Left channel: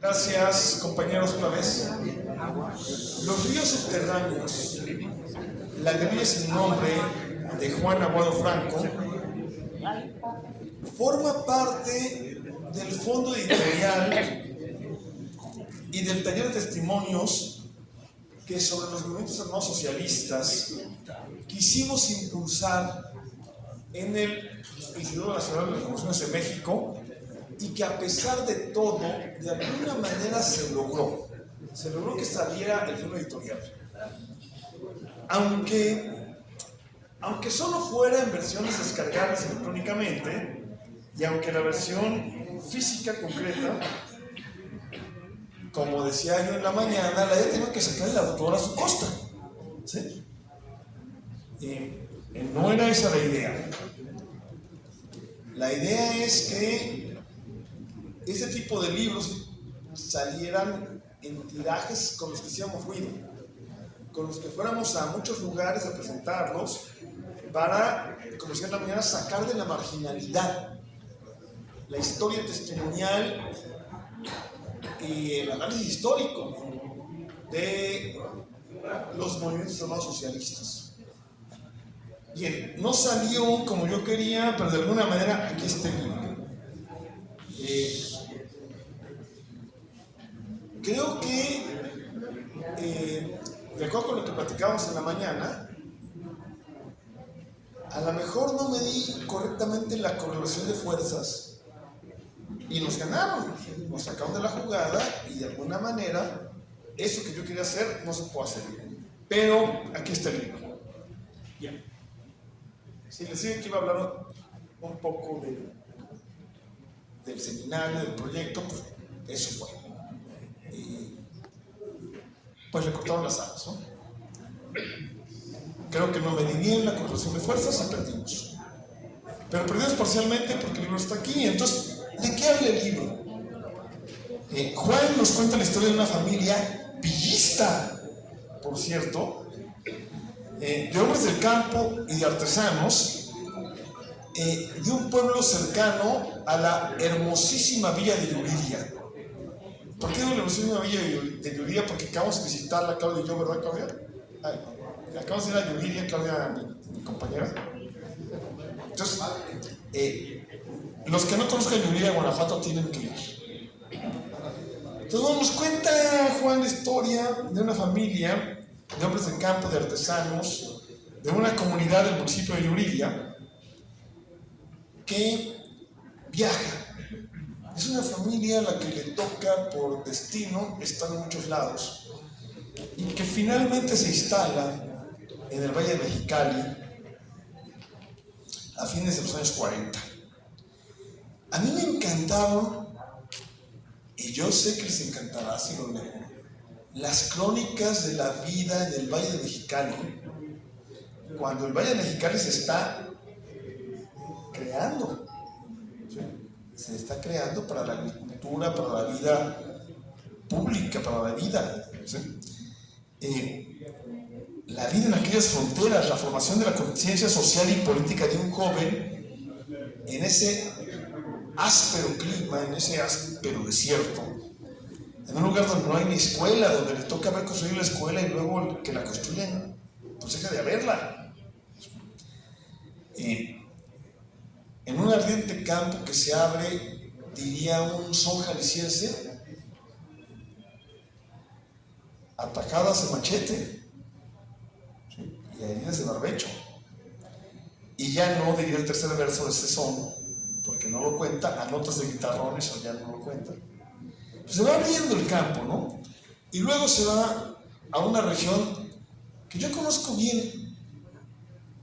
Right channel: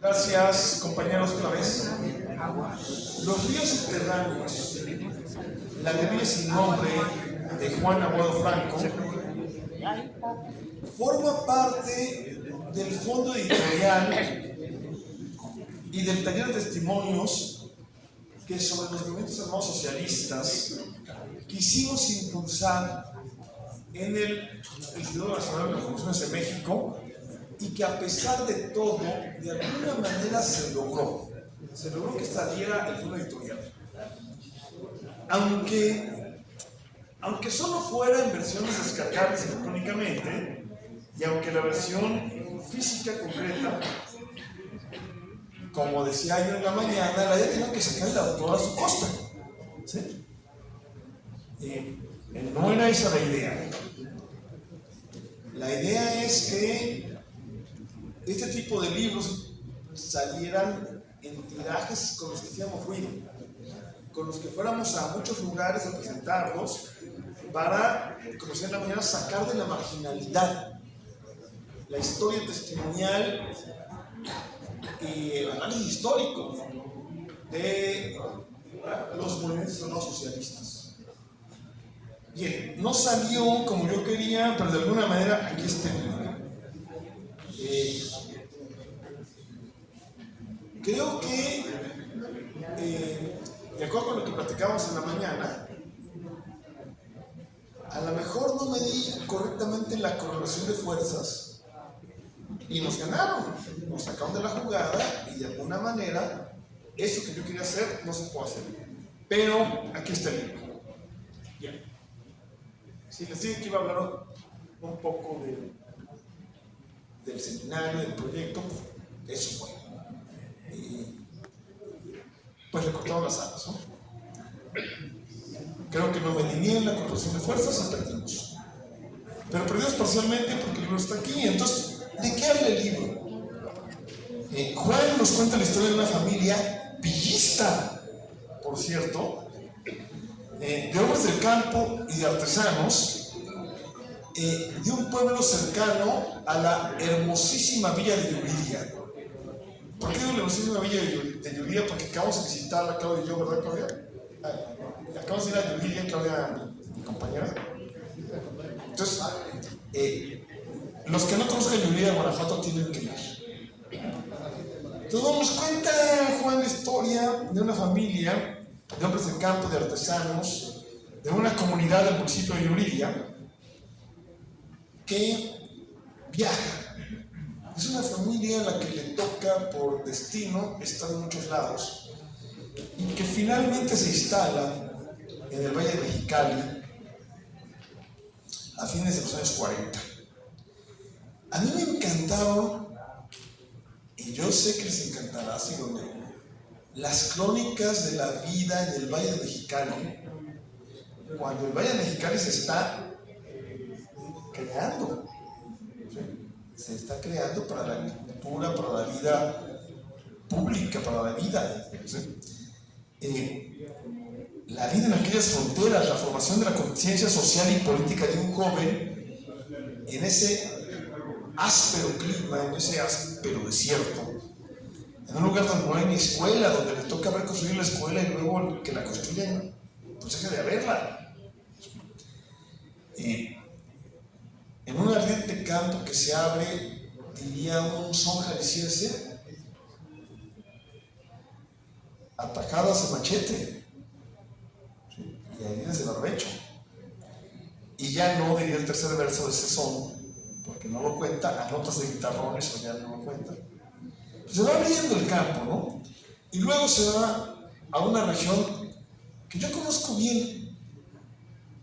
Gracias, compañeros, otra vez. Los ríos subterráneos, la guerrilla sin nombre de Juan Aguado Franco, forma parte del fondo editorial y del taller de testimonios que sobre los movimientos armados socialistas quisimos impulsar en el Instituto Nacional de las Revoluciones de México, y que a pesar de todo, de alguna manera se logró que saliera el fondo editorial. Aunque solo fuera en versiones descargables electrónicamente, y aunque la versión física concreta, como decía yo en la mañana, la había tenido que sacar el autor a su costa, ¿sí? No era esa la idea. La idea es que este tipo de libros salieran en tirajes con los que hiciéramos ruido, con los que fuéramos a muchos lugares a presentarlos para, como decía en la mañana, sacar de la marginalidad la historia testimonial y el análisis histórico de los movimientos armados socialistas. Bien, no salió como yo quería, pero de alguna manera aquí está el libro. Creo que, de acuerdo con lo que platicábamos en la mañana, a lo mejor no medí correctamente la correlación de fuerzas y nos ganaron, nos sacaron de la jugada y de alguna manera eso que yo quería hacer no se puede hacer. Pero aquí está el libro. Bien. Si les digo que iba a hablar un poco del seminario, del proyecto, pues eso fue. Pues le cortaron las alas, ¿no? Creo que no medí bien la correlación de fuerzas y perdimos. Pero perdimos parcialmente porque el libro está aquí. Entonces, ¿de qué habla el libro? Juan nos cuenta la historia de una familia villista, por cierto, de hombres del campo y de artesanos, de un pueblo cercano a la hermosísima villa de Yuriria. ¿Por qué no la hermosísima villa de Yuriria? Porque acabamos de visitarla, Claudia y yo, ¿verdad, Claudia? Acabamos de ir a Yuriria, Claudia, mi compañera. Entonces, los que no conozcan Yuriria, Guanajuato, tienen que ir. Entonces nos cuenta Juan la historia de una familia de hombres del campo, de artesanos, de una comunidad del municipio de Yuriria, que viaja. Es una familia a la que le toca por destino estar en muchos lados y que finalmente se instala en el Valle de Mexicali a fines de los años 40. A mí me encantaron, y yo sé que les encantará si lo leen, las crónicas de la vida en el Valle de Mexicali, cuando el Valle de Mexicali se está creando. Se está creando para la agricultura, para la vida pública, para la vida. ¿Sí? La vida en aquellas fronteras, la formación de la conciencia social y política de un joven en ese áspero clima, en ese áspero desierto, en un lugar donde no hay ni escuela, donde le toca ver construir la escuela y luego que la construyen, pues deja de haberla. En un ardiente campo que se abre, diría un son jalisciense, atajadas de machete, ¿sí? Y heridas de barbecho. Y ya no diría el tercer verso de ese son, porque no lo cuenta, a notas de guitarrones, o ya no lo cuenta. Pues se va abriendo el campo, ¿no? Y luego se va a una región que yo conozco bien,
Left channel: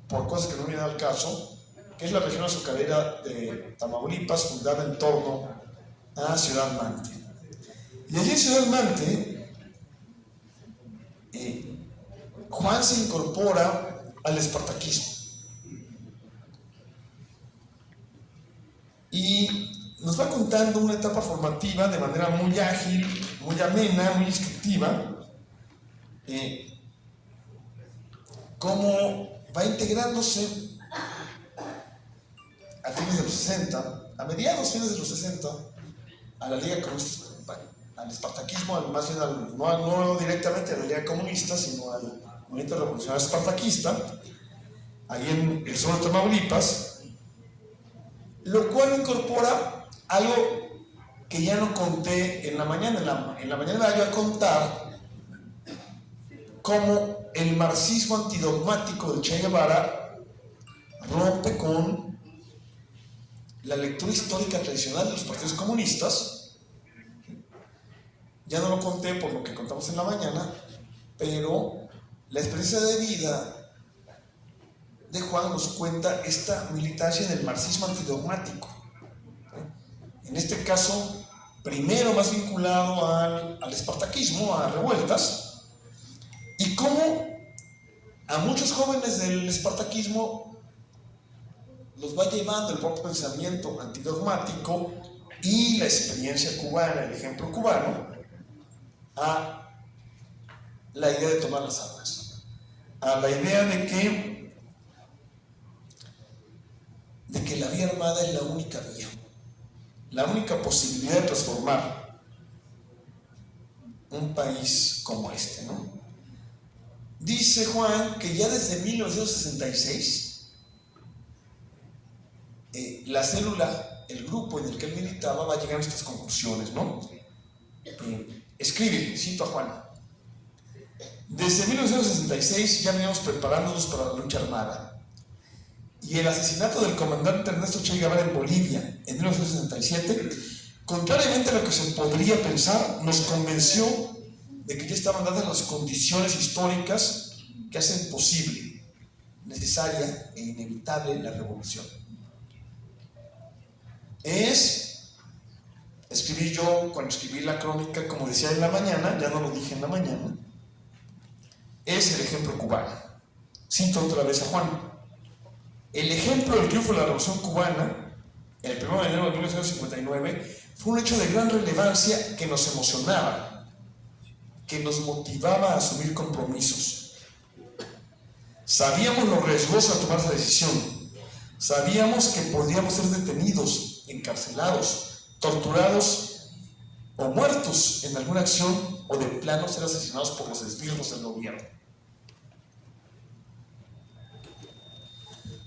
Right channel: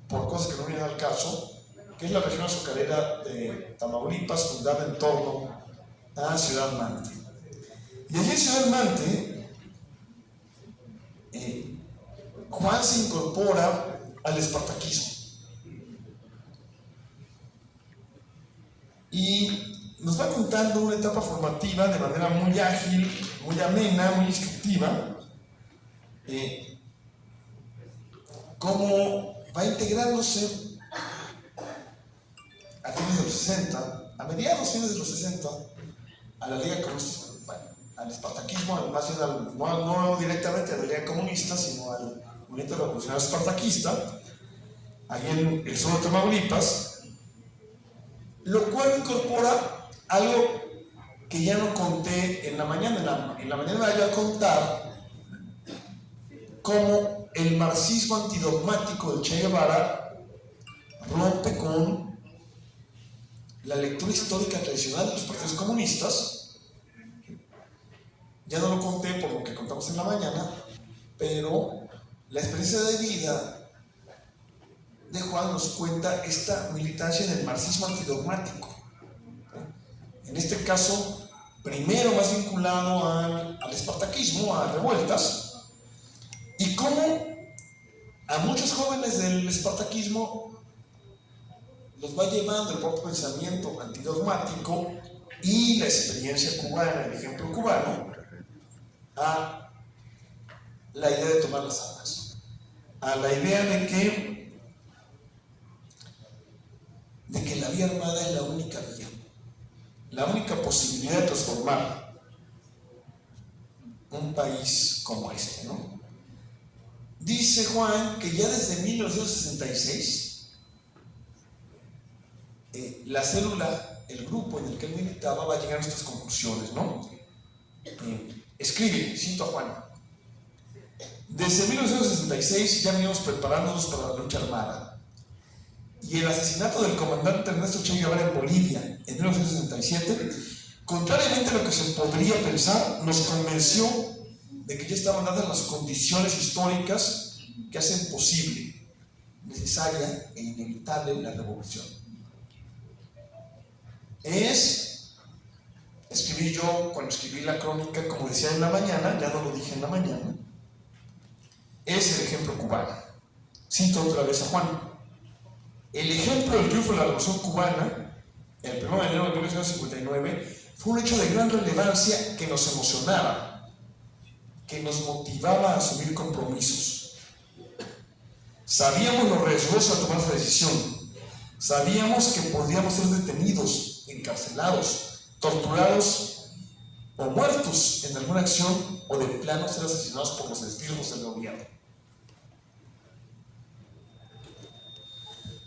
por cosas que no vienen al caso, que es la región azucarera de Tamaulipas, fundada en torno a Ciudad Mante. Y allí en Ciudad Mante, Juan se incorpora al espartaquismo. Y nos va contando una etapa formativa de manera muy ágil, muy amena, muy instructiva, cómo va integrándose a fines de los 60, a mediados fines de los 60, a la Liga Comunista, a al espartaquismo, más bien no directamente a la idea comunista, sino al movimiento revolucionario espartaquista, ahí en el sur de Tamaulipas, lo cual incorpora algo que ya no conté en la mañana. En la mañana voy a contar cómo el marxismo antidogmático de Che Guevara rompe con la lectura histórica tradicional de los partidos comunistas. Ya no lo conté por lo que contamos en la mañana, pero la experiencia de vida de Juan nos cuenta esta militancia del marxismo antidogmático. En este caso, primero más vinculado al espartaquismo, a revueltas, y cómo a muchos jóvenes del espartaquismo los va llevando el propio pensamiento antidogmático y la experiencia cubana, el ejemplo cubano, a la idea de tomar las armas, a la idea de que la vía armada es la única vía, la única posibilidad de transformar un país como este, ¿no? Dice Juan que ya desde 1966 la célula, el grupo en el que él militaba va a llegar a estas conclusiones, ¿no? Escribe, cito a Juan: desde 1966 ya veníamos preparándonos para la lucha armada, y el asesinato del comandante Ernesto Che Guevara en Bolivia en 1967, contrariamente a lo que se podría pensar, nos convenció de que ya estaban dadas las condiciones históricas que hacen posible, necesaria e inevitable la revolución. Escribí yo, cuando escribí la crónica, como decía en la mañana, ya no lo dije en la mañana, es el ejemplo cubano. Cito otra vez a Juan: el ejemplo del triunfo de la Revolución Cubana, el 1 de enero de 1959, fue un hecho de gran relevancia que nos emocionaba, que nos motivaba a asumir compromisos. Sabíamos lo riesgoso de tomar esa decisión. Sabíamos que podíamos ser detenidos, encarcelados, torturados o muertos en alguna acción, o de plano ser asesinados por los esbirros del gobierno.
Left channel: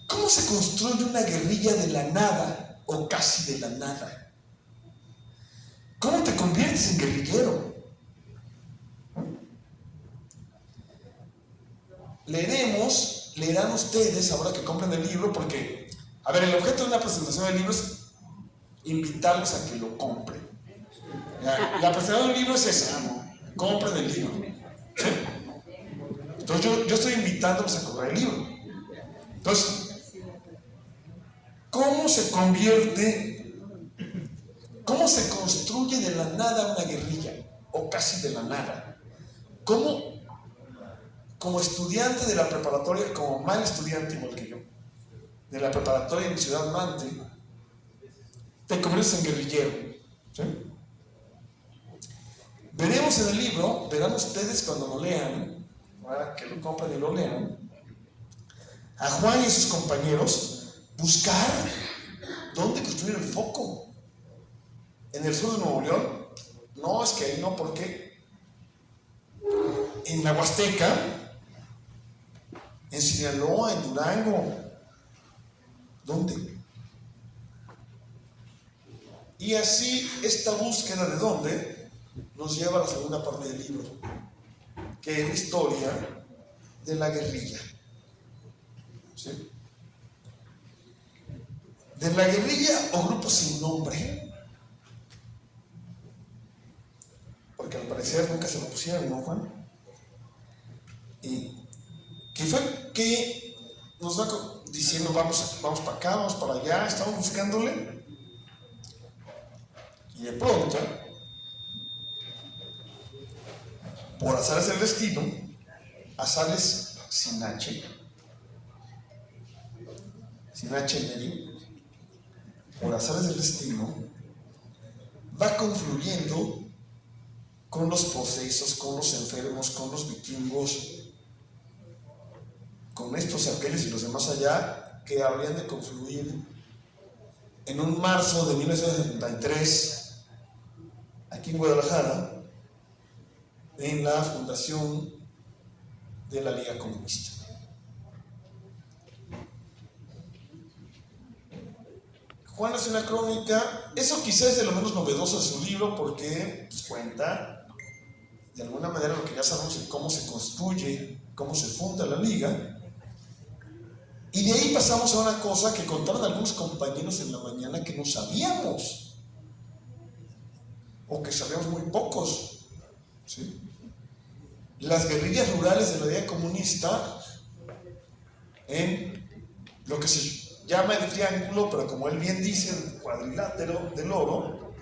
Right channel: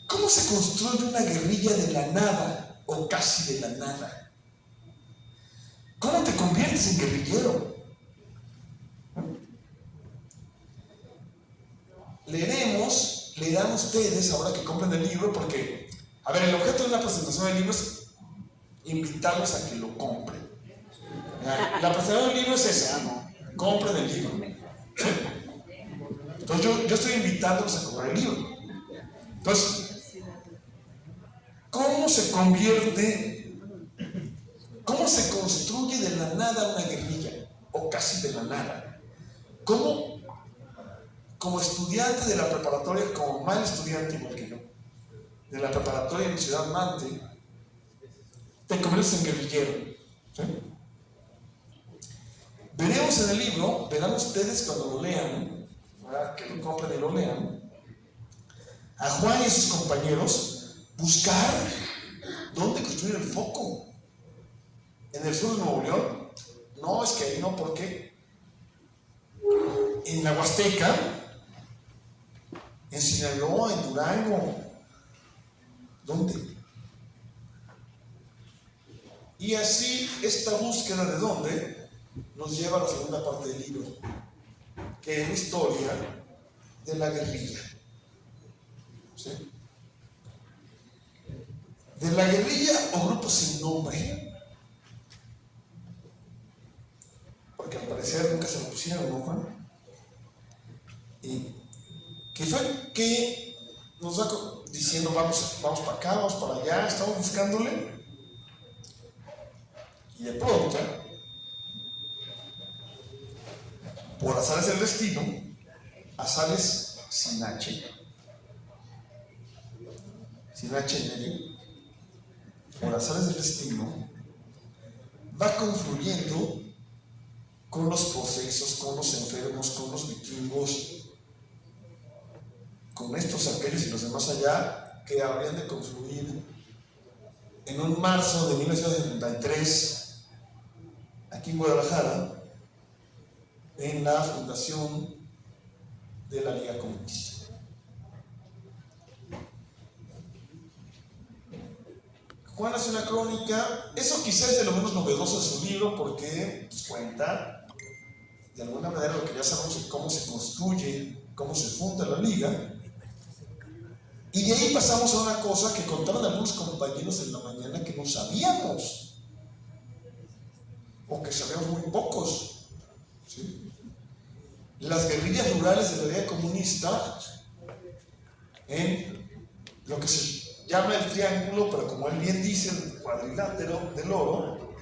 ¿Cómo se construye una guerrilla de la nada o casi de la nada? ¿Cómo te conviertes en guerrillero? Leerán ustedes ahora que compren el libro, porque, a ver, el objeto de una presentación de libro es invitarlos a que lo compren. La presentación del libro es esa, compren el libro. ¿Sí? Entonces yo estoy invitándolos a comprar el libro. Entonces, ¿cómo se construye de la nada una guerrilla? O casi de la nada. ¿Cómo, como estudiante de la preparatoria, como mal estudiante igual que yo, de la preparatoria en Ciudad Mante, te conviertes en guerrillero? ¿Sí? Veremos en el libro, verán ustedes cuando lo lean, ¿verdad? Que lo compren y lo lean, a Juan y a sus compañeros buscar dónde construir el foco. En el sur de Nuevo León, no, es que ahí no, ¿por qué? En la Huasteca, en Sinaloa, en Durango, ¿dónde? Y así esta búsqueda de dónde nos lleva a la segunda parte del libro, que es la historia de la guerrilla. ¿Sí? De la guerrilla o grupo sin nombre, porque al parecer nunca se lo pusieron, ¿no, Juan? Y que fue que nos va diciendo vamos para acá, vamos para allá, estamos buscándole, y de pronto, por azares del destino, azares sin H en medio, por azares del destino, va confluyendo con los posesos, con los enfermos, con los vikingos, con estos, aquellos y los demás allá, que habrían de confluir en un marzo de 1973, aquí en Guadalajara, en la fundación de la Liga Comunista. Juan hace una crónica, eso quizás es de lo menos novedoso de su libro, porque pues, cuenta de alguna manera lo que ya sabemos de cómo se construye, cómo se funda la liga. Y de ahí pasamos a una cosa que contaron algunos compañeros en la mañana que no sabíamos, o que sabíamos muy pocos, ¿sí? Las guerrillas rurales de la Liga Comunista en lo que se llama el triángulo, pero como él bien dice, el cuadrilátero del oro,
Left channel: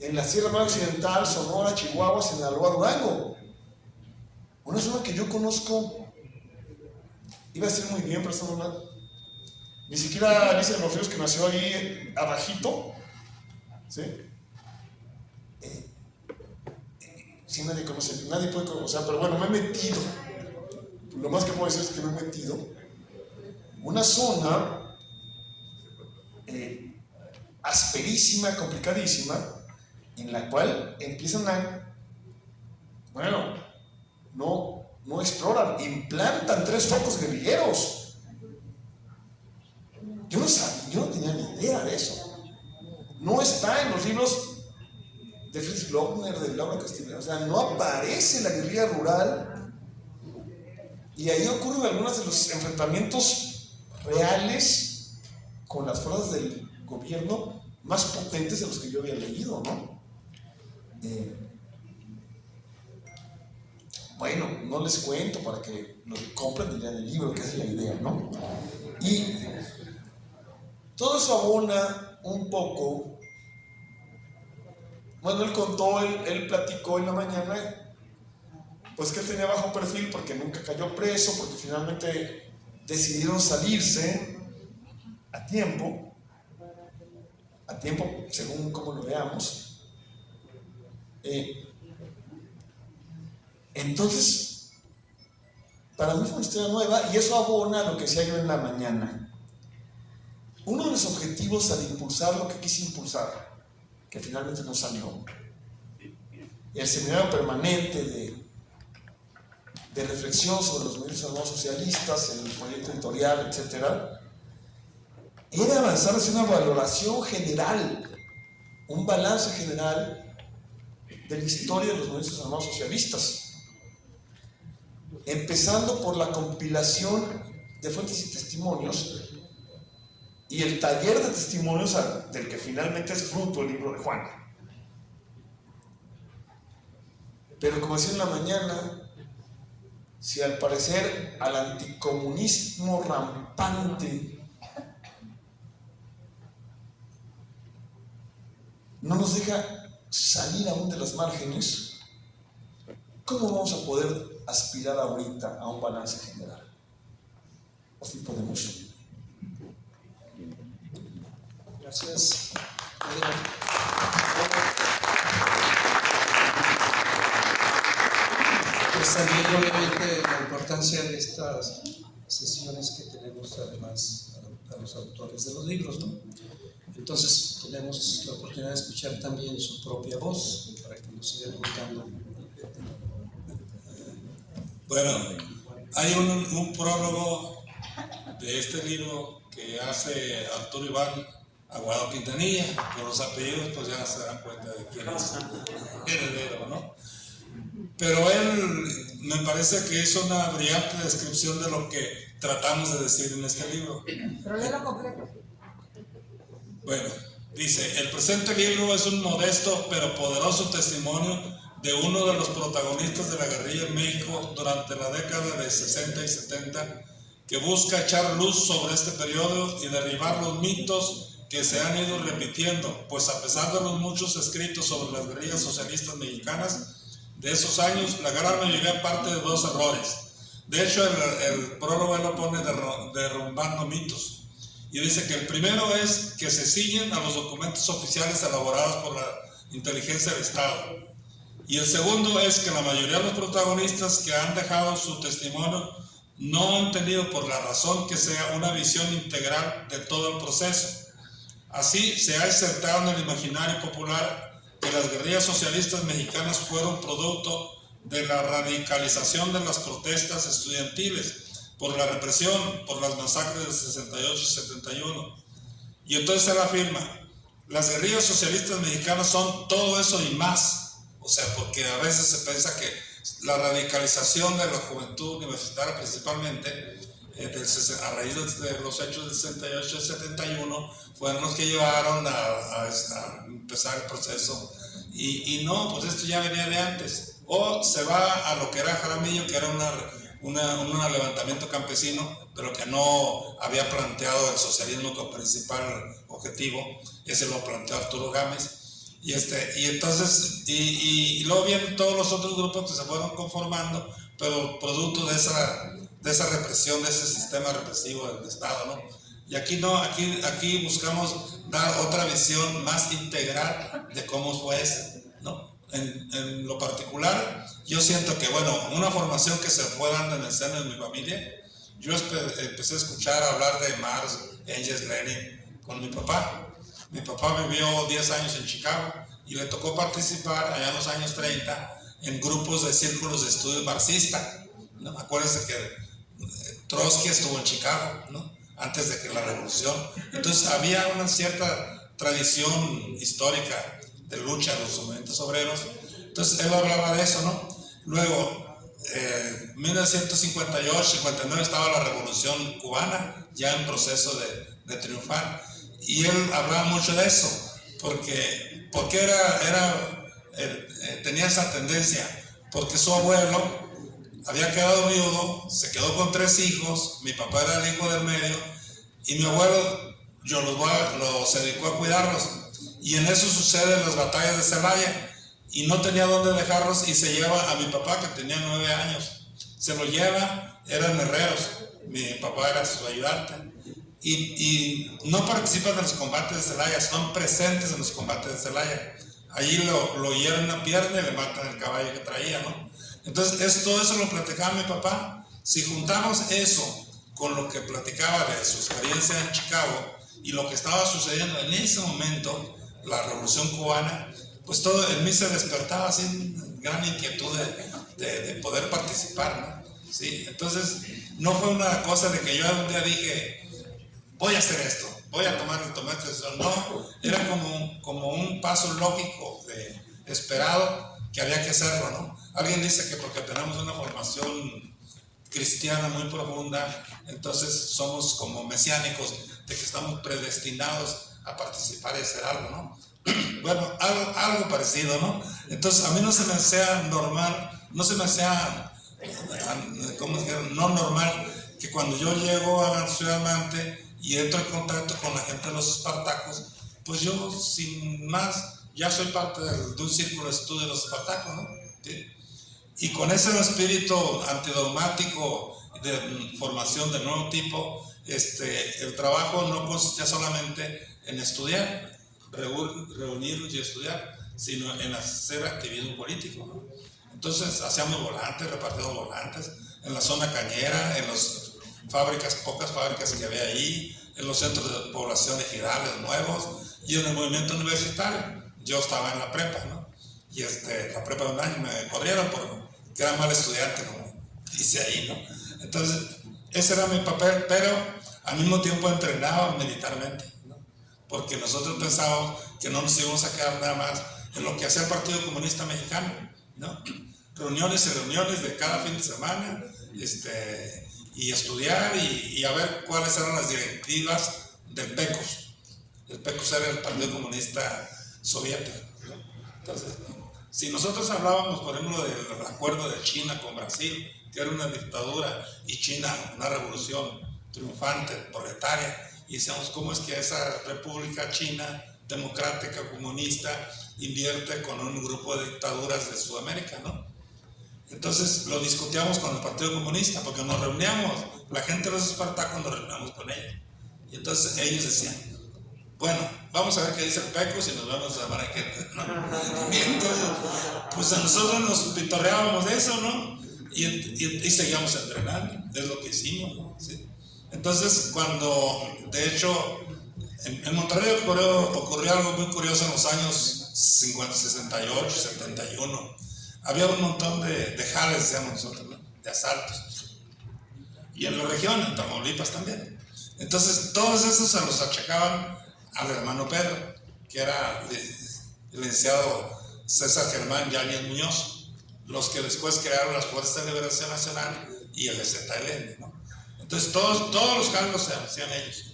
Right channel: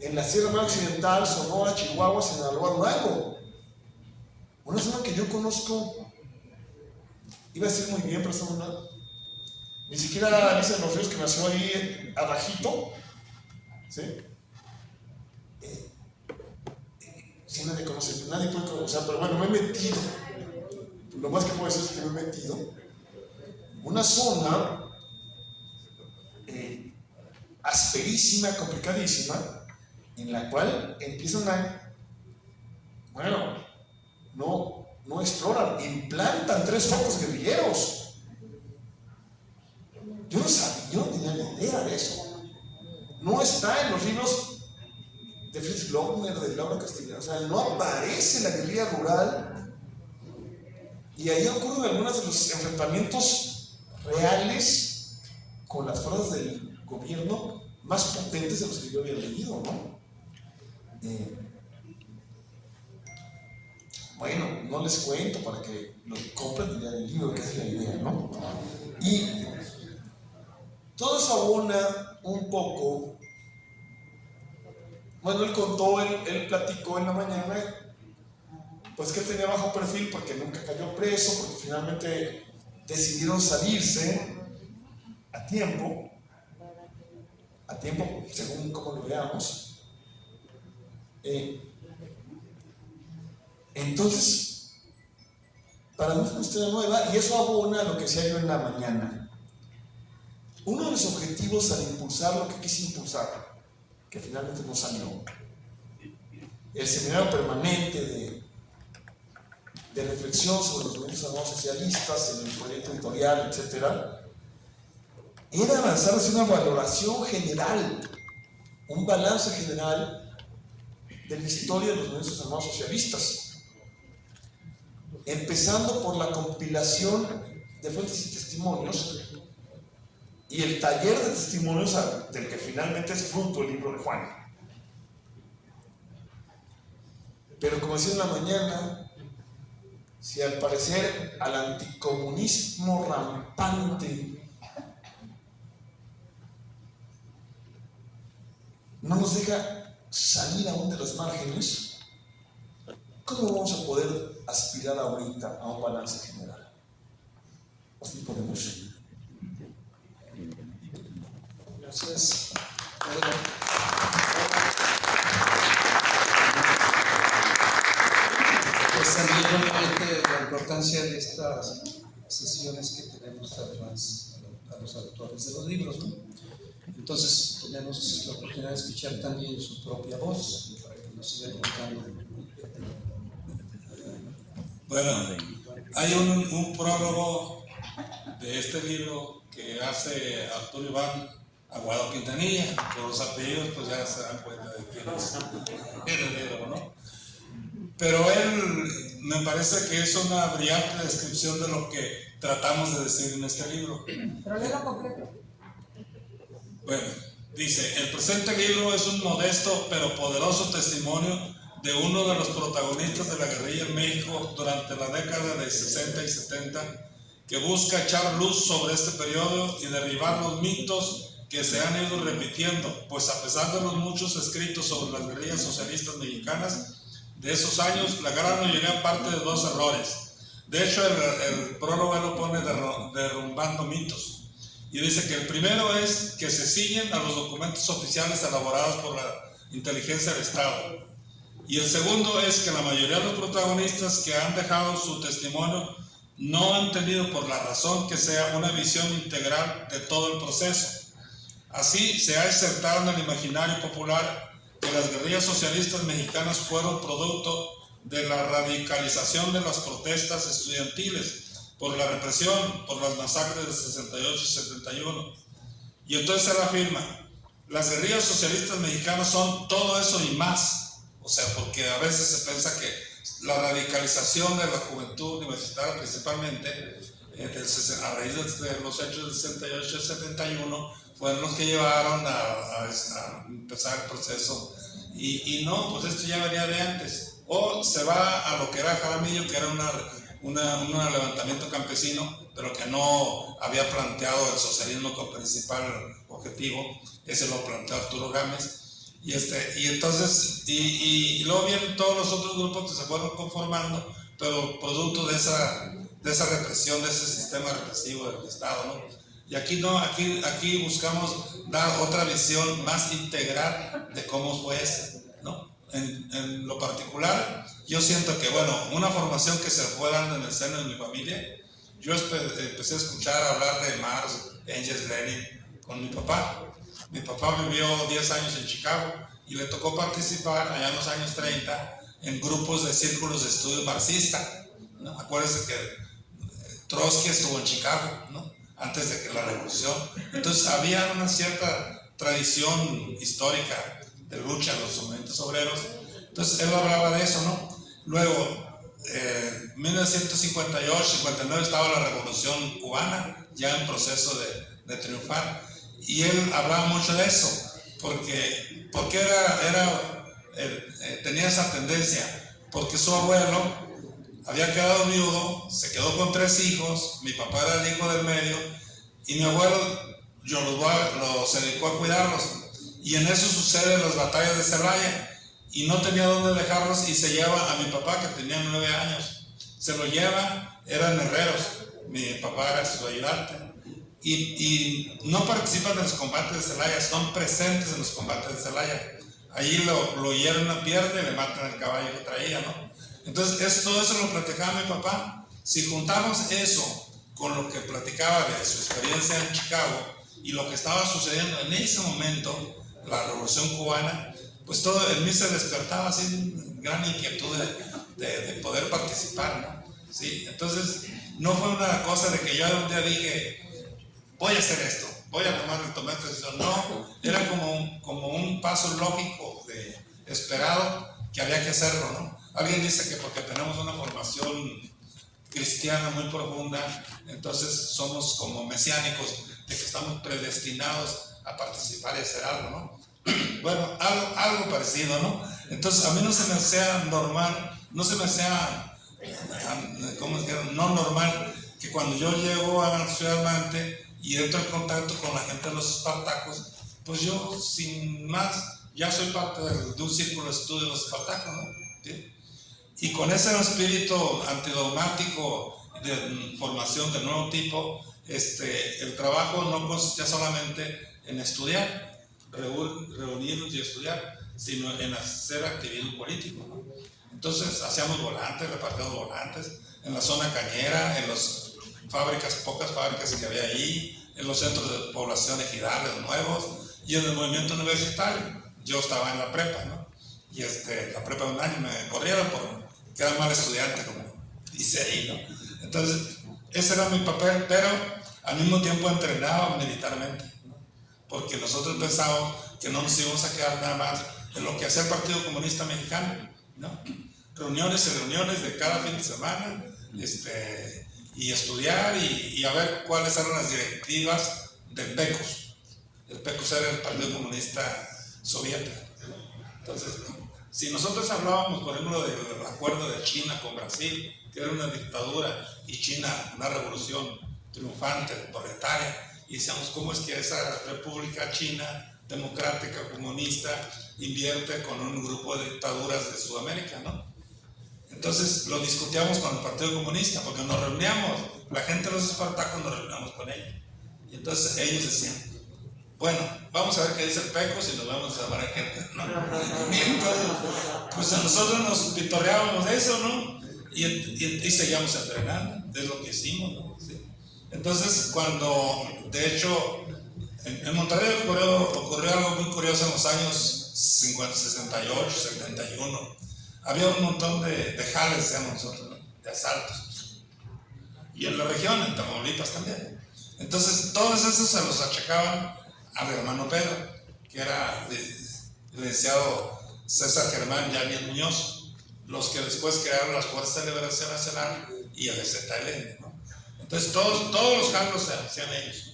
en la Sierra Madre Occidental, Sonora, Chihuahua, Sinaloa, Durango. Una zona que yo conozco, iba a decir muy bien, pero esta no, ni siquiera Alicia de los Ríos, que nació ahí abajito, ¿sí? Sí, nadie conoce, nadie puede conocer, pero bueno, me he metido, lo más que puedo decir es que me he metido, una zona asperísima, complicadísima, en la cual empiezan a, bueno, no exploran, implantan 3 focos guerrilleros. Yo no sabía, yo no tenía ni idea de eso. No está en los libros de Fritz Lochner, de Laura Castellano, o sea, no aparece la guerrilla rural, y ahí ocurren algunos de los enfrentamientos reales con las fuerzas del gobierno más potentes de los que yo había leído, ¿no? Bueno, no les cuento para que lo compren y lean el libro, que es la idea, ¿no? Y todo eso abona un poco. Bueno, él contó, él platicó en la mañana, pues que él tenía bajo perfil porque nunca cayó preso, porque finalmente decidieron salirse a tiempo, según como lo veamos. Entonces, para mí fue una historia nueva, y eso abona a lo que decía yo en la mañana. Uno de los objetivos al impulsar lo que quise impulsar, que finalmente no salió, el seminario permanente de reflexión sobre los movimientos armados socialistas, en el proyecto editorial, etc., era avanzar hacia una valoración general, un balance general de la historia de los movimientos armados socialistas, empezando por la compilación de fuentes y testimonios y el taller de testimonios del que finalmente es fruto el libro de Juan. Pero como decía en la mañana, si al parecer al anticomunismo rampante no nos deja salir aún de las márgenes, ¿cómo vamos a poder aspirar ahorita a un balance general? Así podemos. Gracias. Pues también obviamente la importancia de estas sesiones que tenemos además a los autores de los libros, ¿no? Entonces tenemos la oportunidad de escuchar también su propia voz para que nos siga contando. Bueno, hay un prólogo de este libro que hace Arturo Iván Aguado Quintanilla. Por los apellidos pues ya se dan cuenta de quién es el heredero, ¿no? Pero él me parece que es una brillante descripción de lo que tratamos de decir en este libro. Bueno, dice: el presente libro es un modesto pero poderoso testimonio de uno de los protagonistas de la guerrilla en México durante la década de 60 y 70, que busca echar luz sobre este periodo y derribar los mitos que se han ido repitiendo, pues a pesar de los muchos escritos sobre las guerrillas socialistas mexicanas de esos años, la gran mayoría parte de 2 errores. De hecho, el prólogo lo pone derrumbando mitos. Y dice que el primero es que se ciñen a los documentos oficiales elaborados por la inteligencia del Estado. Y el segundo es que la mayoría de los protagonistas que han dejado su testimonio no han tenido, por la razón que sea, una visión integral de todo el proceso. Así se ha insertado en el imaginario popular que las guerrillas socialistas mexicanas fueron producto de la radicalización de las protestas estudiantiles por la represión, por las masacres de 68 y 71. Y entonces él afirma, las guerrillas socialistas mexicanas son todo eso y más. O sea, porque a veces se piensa que la radicalización de la juventud universitaria principalmente, a raíz de los hechos del 68 y 71, fueron los que llevaron a empezar el proceso. Y no, pues esto ya venía de antes. O se va a lo que era Jaramillo, que era un levantamiento campesino, pero que no había planteado el socialismo como principal objetivo. Ese lo planteó Arturo Gámez. Y entonces, luego vienen todos los otros grupos que se fueron conformando, pero producto de esa represión, de ese sistema represivo del Estado, ¿no? Y aquí no, aquí buscamos dar otra visión más integral de cómo fue ¿no? En lo particular, yo siento que, bueno, una formación que se fue dando en el seno de mi familia, yo empecé a escuchar hablar de Marx, Engels, Lenin con mi papá. Mi papá vivió 10 años en Chicago y le tocó participar allá en los años 30 en grupos de círculos de estudio marxista, ¿no? Acuérdense que Trotsky estuvo en Chicago, ¿no? Antes de que la revolución. Entonces había una cierta tradición histórica de lucha de los movimientos obreros. Entonces él hablaba de eso, ¿no? Luego, en 1958, 59 estaba la revolución cubana, ya en proceso de triunfar. Y él hablaba mucho de eso, porque tenía esa tendencia, porque su abuelo había quedado viudo, se quedó con 3 hijos, mi papá era el hijo del medio, y mi abuelo se dedicó a cuidarlos, y en eso suceden las batallas de Celaya, y no tenía dónde dejarlos, y se lleva a mi papá, que tenía 9 años, se lo lleva, eran herreros, mi papá era su ayudante, y no participan en los combates de Celaya, son presentes en los combates de Celaya. Allí lo hieren una pierna y le matan el caballo que traía, ¿no? Entonces, todo eso lo platicaba mi papá. Si juntamos eso con lo que platicaba de su experiencia en Chicago y lo que estaba sucediendo en ese momento, la revolución cubana, pues todo en mí se despertaba así gran inquietud de poder participar, ¿no? ¿Sí? Entonces, no fue una cosa de que yo un día dije, voy a hacer esto, voy a tomar esta decisión. No, era como un paso lógico, esperado, que había que hacerlo, ¿no? Alguien dice que porque tenemos una formación cristiana muy profunda, entonces somos como mesiánicos, de que estamos predestinados a participar y hacer algo, ¿no? Bueno, algo parecido, ¿no? Entonces a mí no se me hacía normal, no se me hacía, no normal, que cuando yo llego a Ciudad Mante y entro en contacto con la gente de los Espartacos, pues yo sin más ya soy parte de un círculo de estudio de los Espartacos, ¿no? ¿Sí? Y con ese espíritu antidogmático de formación de nuevo tipo, el trabajo no consistía solamente en estudiar, reunirnos y estudiar, sino en hacer activismo político, ¿no? Entonces hacíamos volantes, repartíamos volantes en la zona cañera, en las pocas fábricas que había ahí, en los centros de población ejidales nuevos y en el movimiento universitario. Yo estaba en la prepa, ¿no? Y la prepa de un año me corrieron porque era mal estudiante, como hice ahí, ¿no? Entonces, ese era mi papel, pero al mismo tiempo entrenaba militarmente, ¿no? Porque nosotros pensábamos que no nos íbamos a quedar nada más en lo que hacía el Partido Comunista Mexicano, ¿no? Reuniones y reuniones de cada fin de semana, y estudiar y a ver cuáles eran las directivas del PECOS. El PECOS era el Partido Comunista Soviético, ¿no? Entonces, si nosotros hablábamos, por ejemplo, del acuerdo de China con Brasil, que era una dictadura, y China una revolución triunfante, proletaria, y decíamos, ¿cómo es que esa república china, democrática, comunista, invierte con un grupo de dictaduras de Sudamérica, ¿no? Entonces lo discutíamos con el Partido Comunista, porque nos reuníamos, la gente de los Espartacos nos reuníamos con ellos. Y entonces ellos decían, bueno, vamos a ver qué dice el PECOS y nos vamos a llamar a gente, ¿no? Y entonces, pues a nosotros nos pitorreábamos de eso, ¿no? Y seguíamos entrenando, es lo que hicimos, ¿no? ¿Sí? Entonces, cuando, de hecho, en Monterrey ocurrió algo muy curioso en los años 68, 71. Había un montón de jales, decíamos nosotros, ¿no? De asaltos. Y en la región, en Tamaulipas también. Entonces, todos esos se los achacaban al hermano Pedro, que era el licenciado César Germán Yáñez Muñoz, los que después crearon las Fuerzas de Liberación Nacional y el EZLN, ¿no? Entonces, todos los jales se hacían ellos.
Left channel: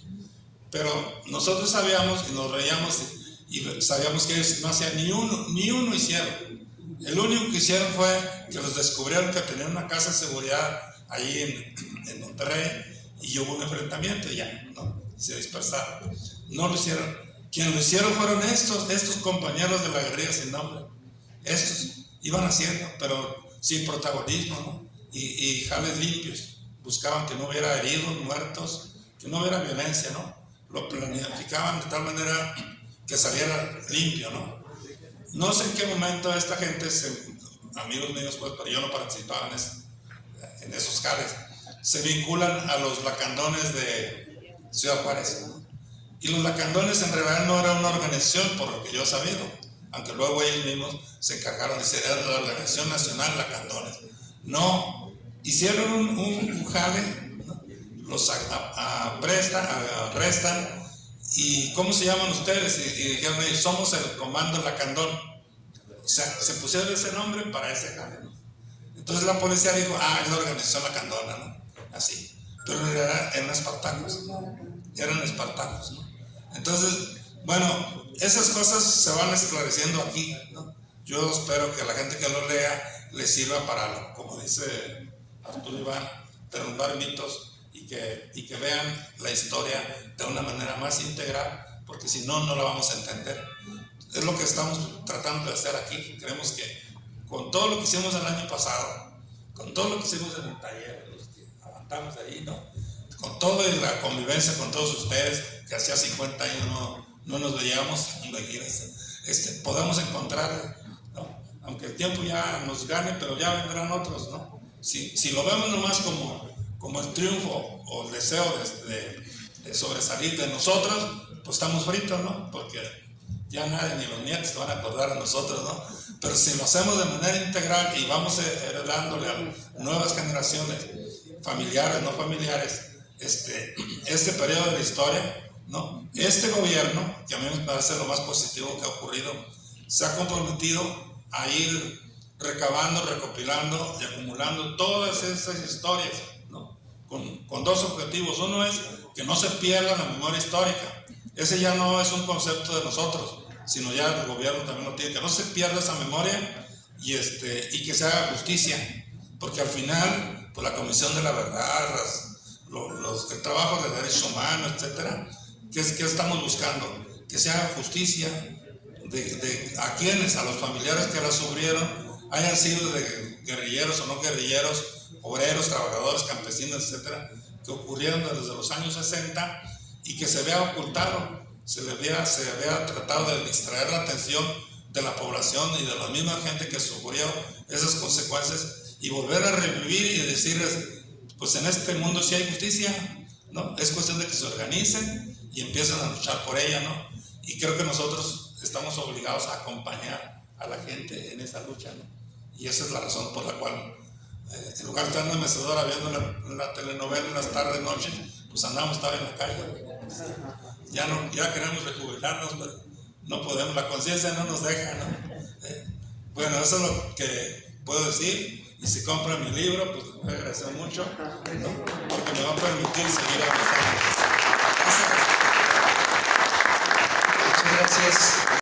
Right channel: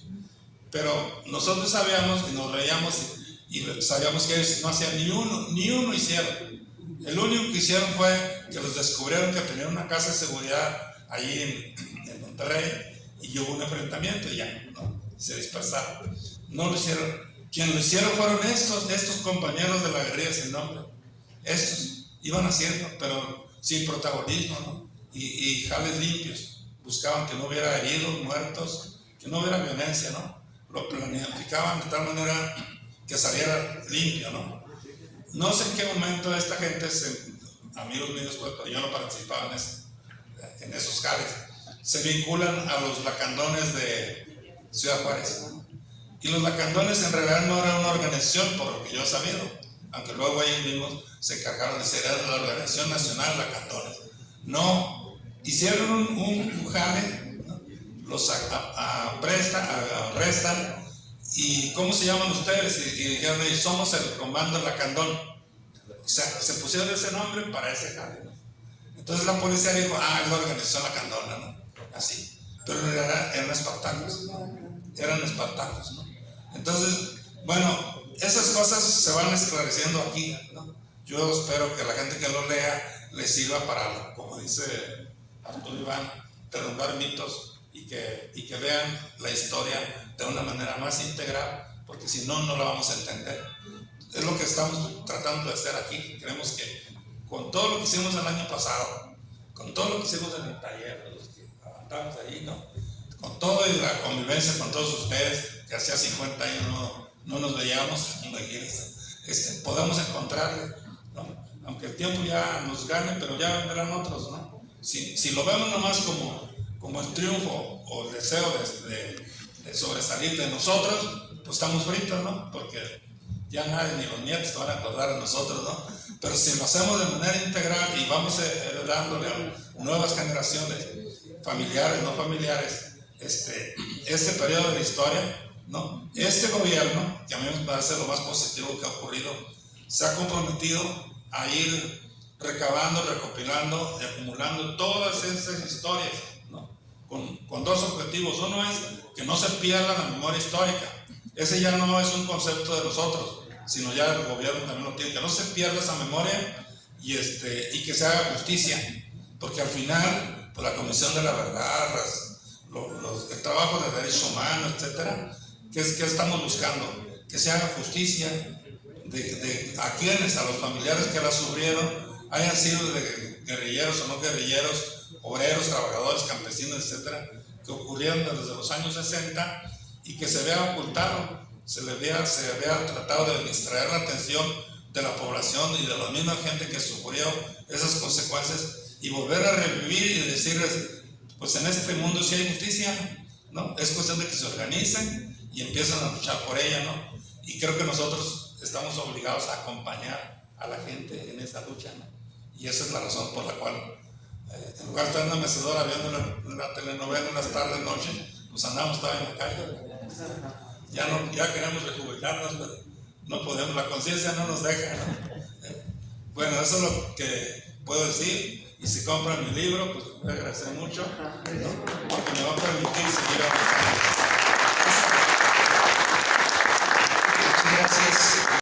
Pero nosotros sabíamos y nos reíamos y sabíamos que ellos no hacían ni uno hicieron. El único que hicieron fue que los descubrieron que tenían una casa de seguridad ahí en Monterrey y hubo un enfrentamiento y ya, ¿no? Se dispersaron. No lo hicieron. Quien lo hicieron fueron estos compañeros de la guerrilla sin nombre. Estos iban haciendo, pero sin protagonismo, ¿no? Y jales limpios. Buscaban que no hubiera heridos, muertos, que no hubiera violencia, ¿no? Lo planificaban de tal manera que saliera limpio, ¿no? No sé en qué momento esta gente, amigos míos, pues, pero yo no participaba en esos jales, se vinculan a los lacandones de Ciudad Juárez. Y los lacandones en realidad no eran una organización, por lo que yo he sabido, aunque luego ellos mismos se encargaron de ser la Organización Nacional Lacandones. No, hicieron un jale, ¿no? Los arrestan. ¿Y cómo se llaman ustedes? Y dijeron ellos, somos el Comando Lacandón. O sea, se pusieron ese nombre para ese jale, ¿no? Entonces la policía dijo, es la organización Lacandona, ¿no? Así. Pero en realidad eran espartanos, ¿no? Entonces, bueno, esas cosas se van esclareciendo aquí, ¿no? Yo espero que la gente que lo lea le sirva para, como dice Arturo Iván, derrumbar mitos y que vean la historia de una manera más integral, porque si no, no la vamos a entender. Es lo que estamos tratando de hacer aquí. Creemos que con todo lo que hicimos el año pasado, con todo lo que hicimos en el taller, los que aguantamos ahí, ¿no? Con todo y la convivencia con todos ustedes, que hacía 50 años no nos veíamos, podamos encontrarle, ¿no? Aunque el tiempo ya nos gane, pero ya vendrán otros, ¿no? Si lo vemos nomás como el triunfo o el deseo de sobresalir de nosotros, pues estamos fritos, ¿no? Porque ya nadie, ni los nietos van a acordar a nosotros, ¿no? Pero si lo hacemos de manera integral y vamos heredándole a nuevas generaciones, familiares, no familiares, este periodo de la historia, ¿no? Este gobierno, que a mí me parece lo más positivo que ha ocurrido, se ha comprometido a ir recabando, recopilando y acumulando todas esas historias, ¿no? Con dos objetivos. Uno es que no se pierda la memoria histórica. Ese ya no es un concepto de nosotros, sino ya el gobierno también lo tiene, que no se pierda esa memoria y que se haga justicia, porque al final, pues la Comisión de la Verdad, el trabajo de derechos humanos, etcétera, ¿qué estamos buscando? Que se haga justicia a quienes, a los familiares que la sufrieron, hayan sido de guerrilleros o no guerrilleros, obreros, trabajadores, campesinos, etcétera, que ocurrieron desde los años 60 y que se vea ocultado, se vea tratado de distraer la atención de la población y de la misma gente que sufrió esas consecuencias y volver a revivir y decirles, pues en este mundo sí hay justicia, ¿no? Es cuestión de que se organicen y empiecen a luchar por ella, ¿no? Y creo que nosotros estamos obligados a acompañar a la gente en esa lucha, ¿no? Y esa es la razón por la cual, en lugar de estar en una mecedora viendo una telenovela en las tardes, noches, pues andamos todavía en la calle. Ya queremos rejubilarnos, pero no podemos, la conciencia no nos deja, ¿no? Bueno, eso es lo que puedo decir. Y si compran mi libro, pues me agradezco mucho, ¿no? Porque me va a permitir seguir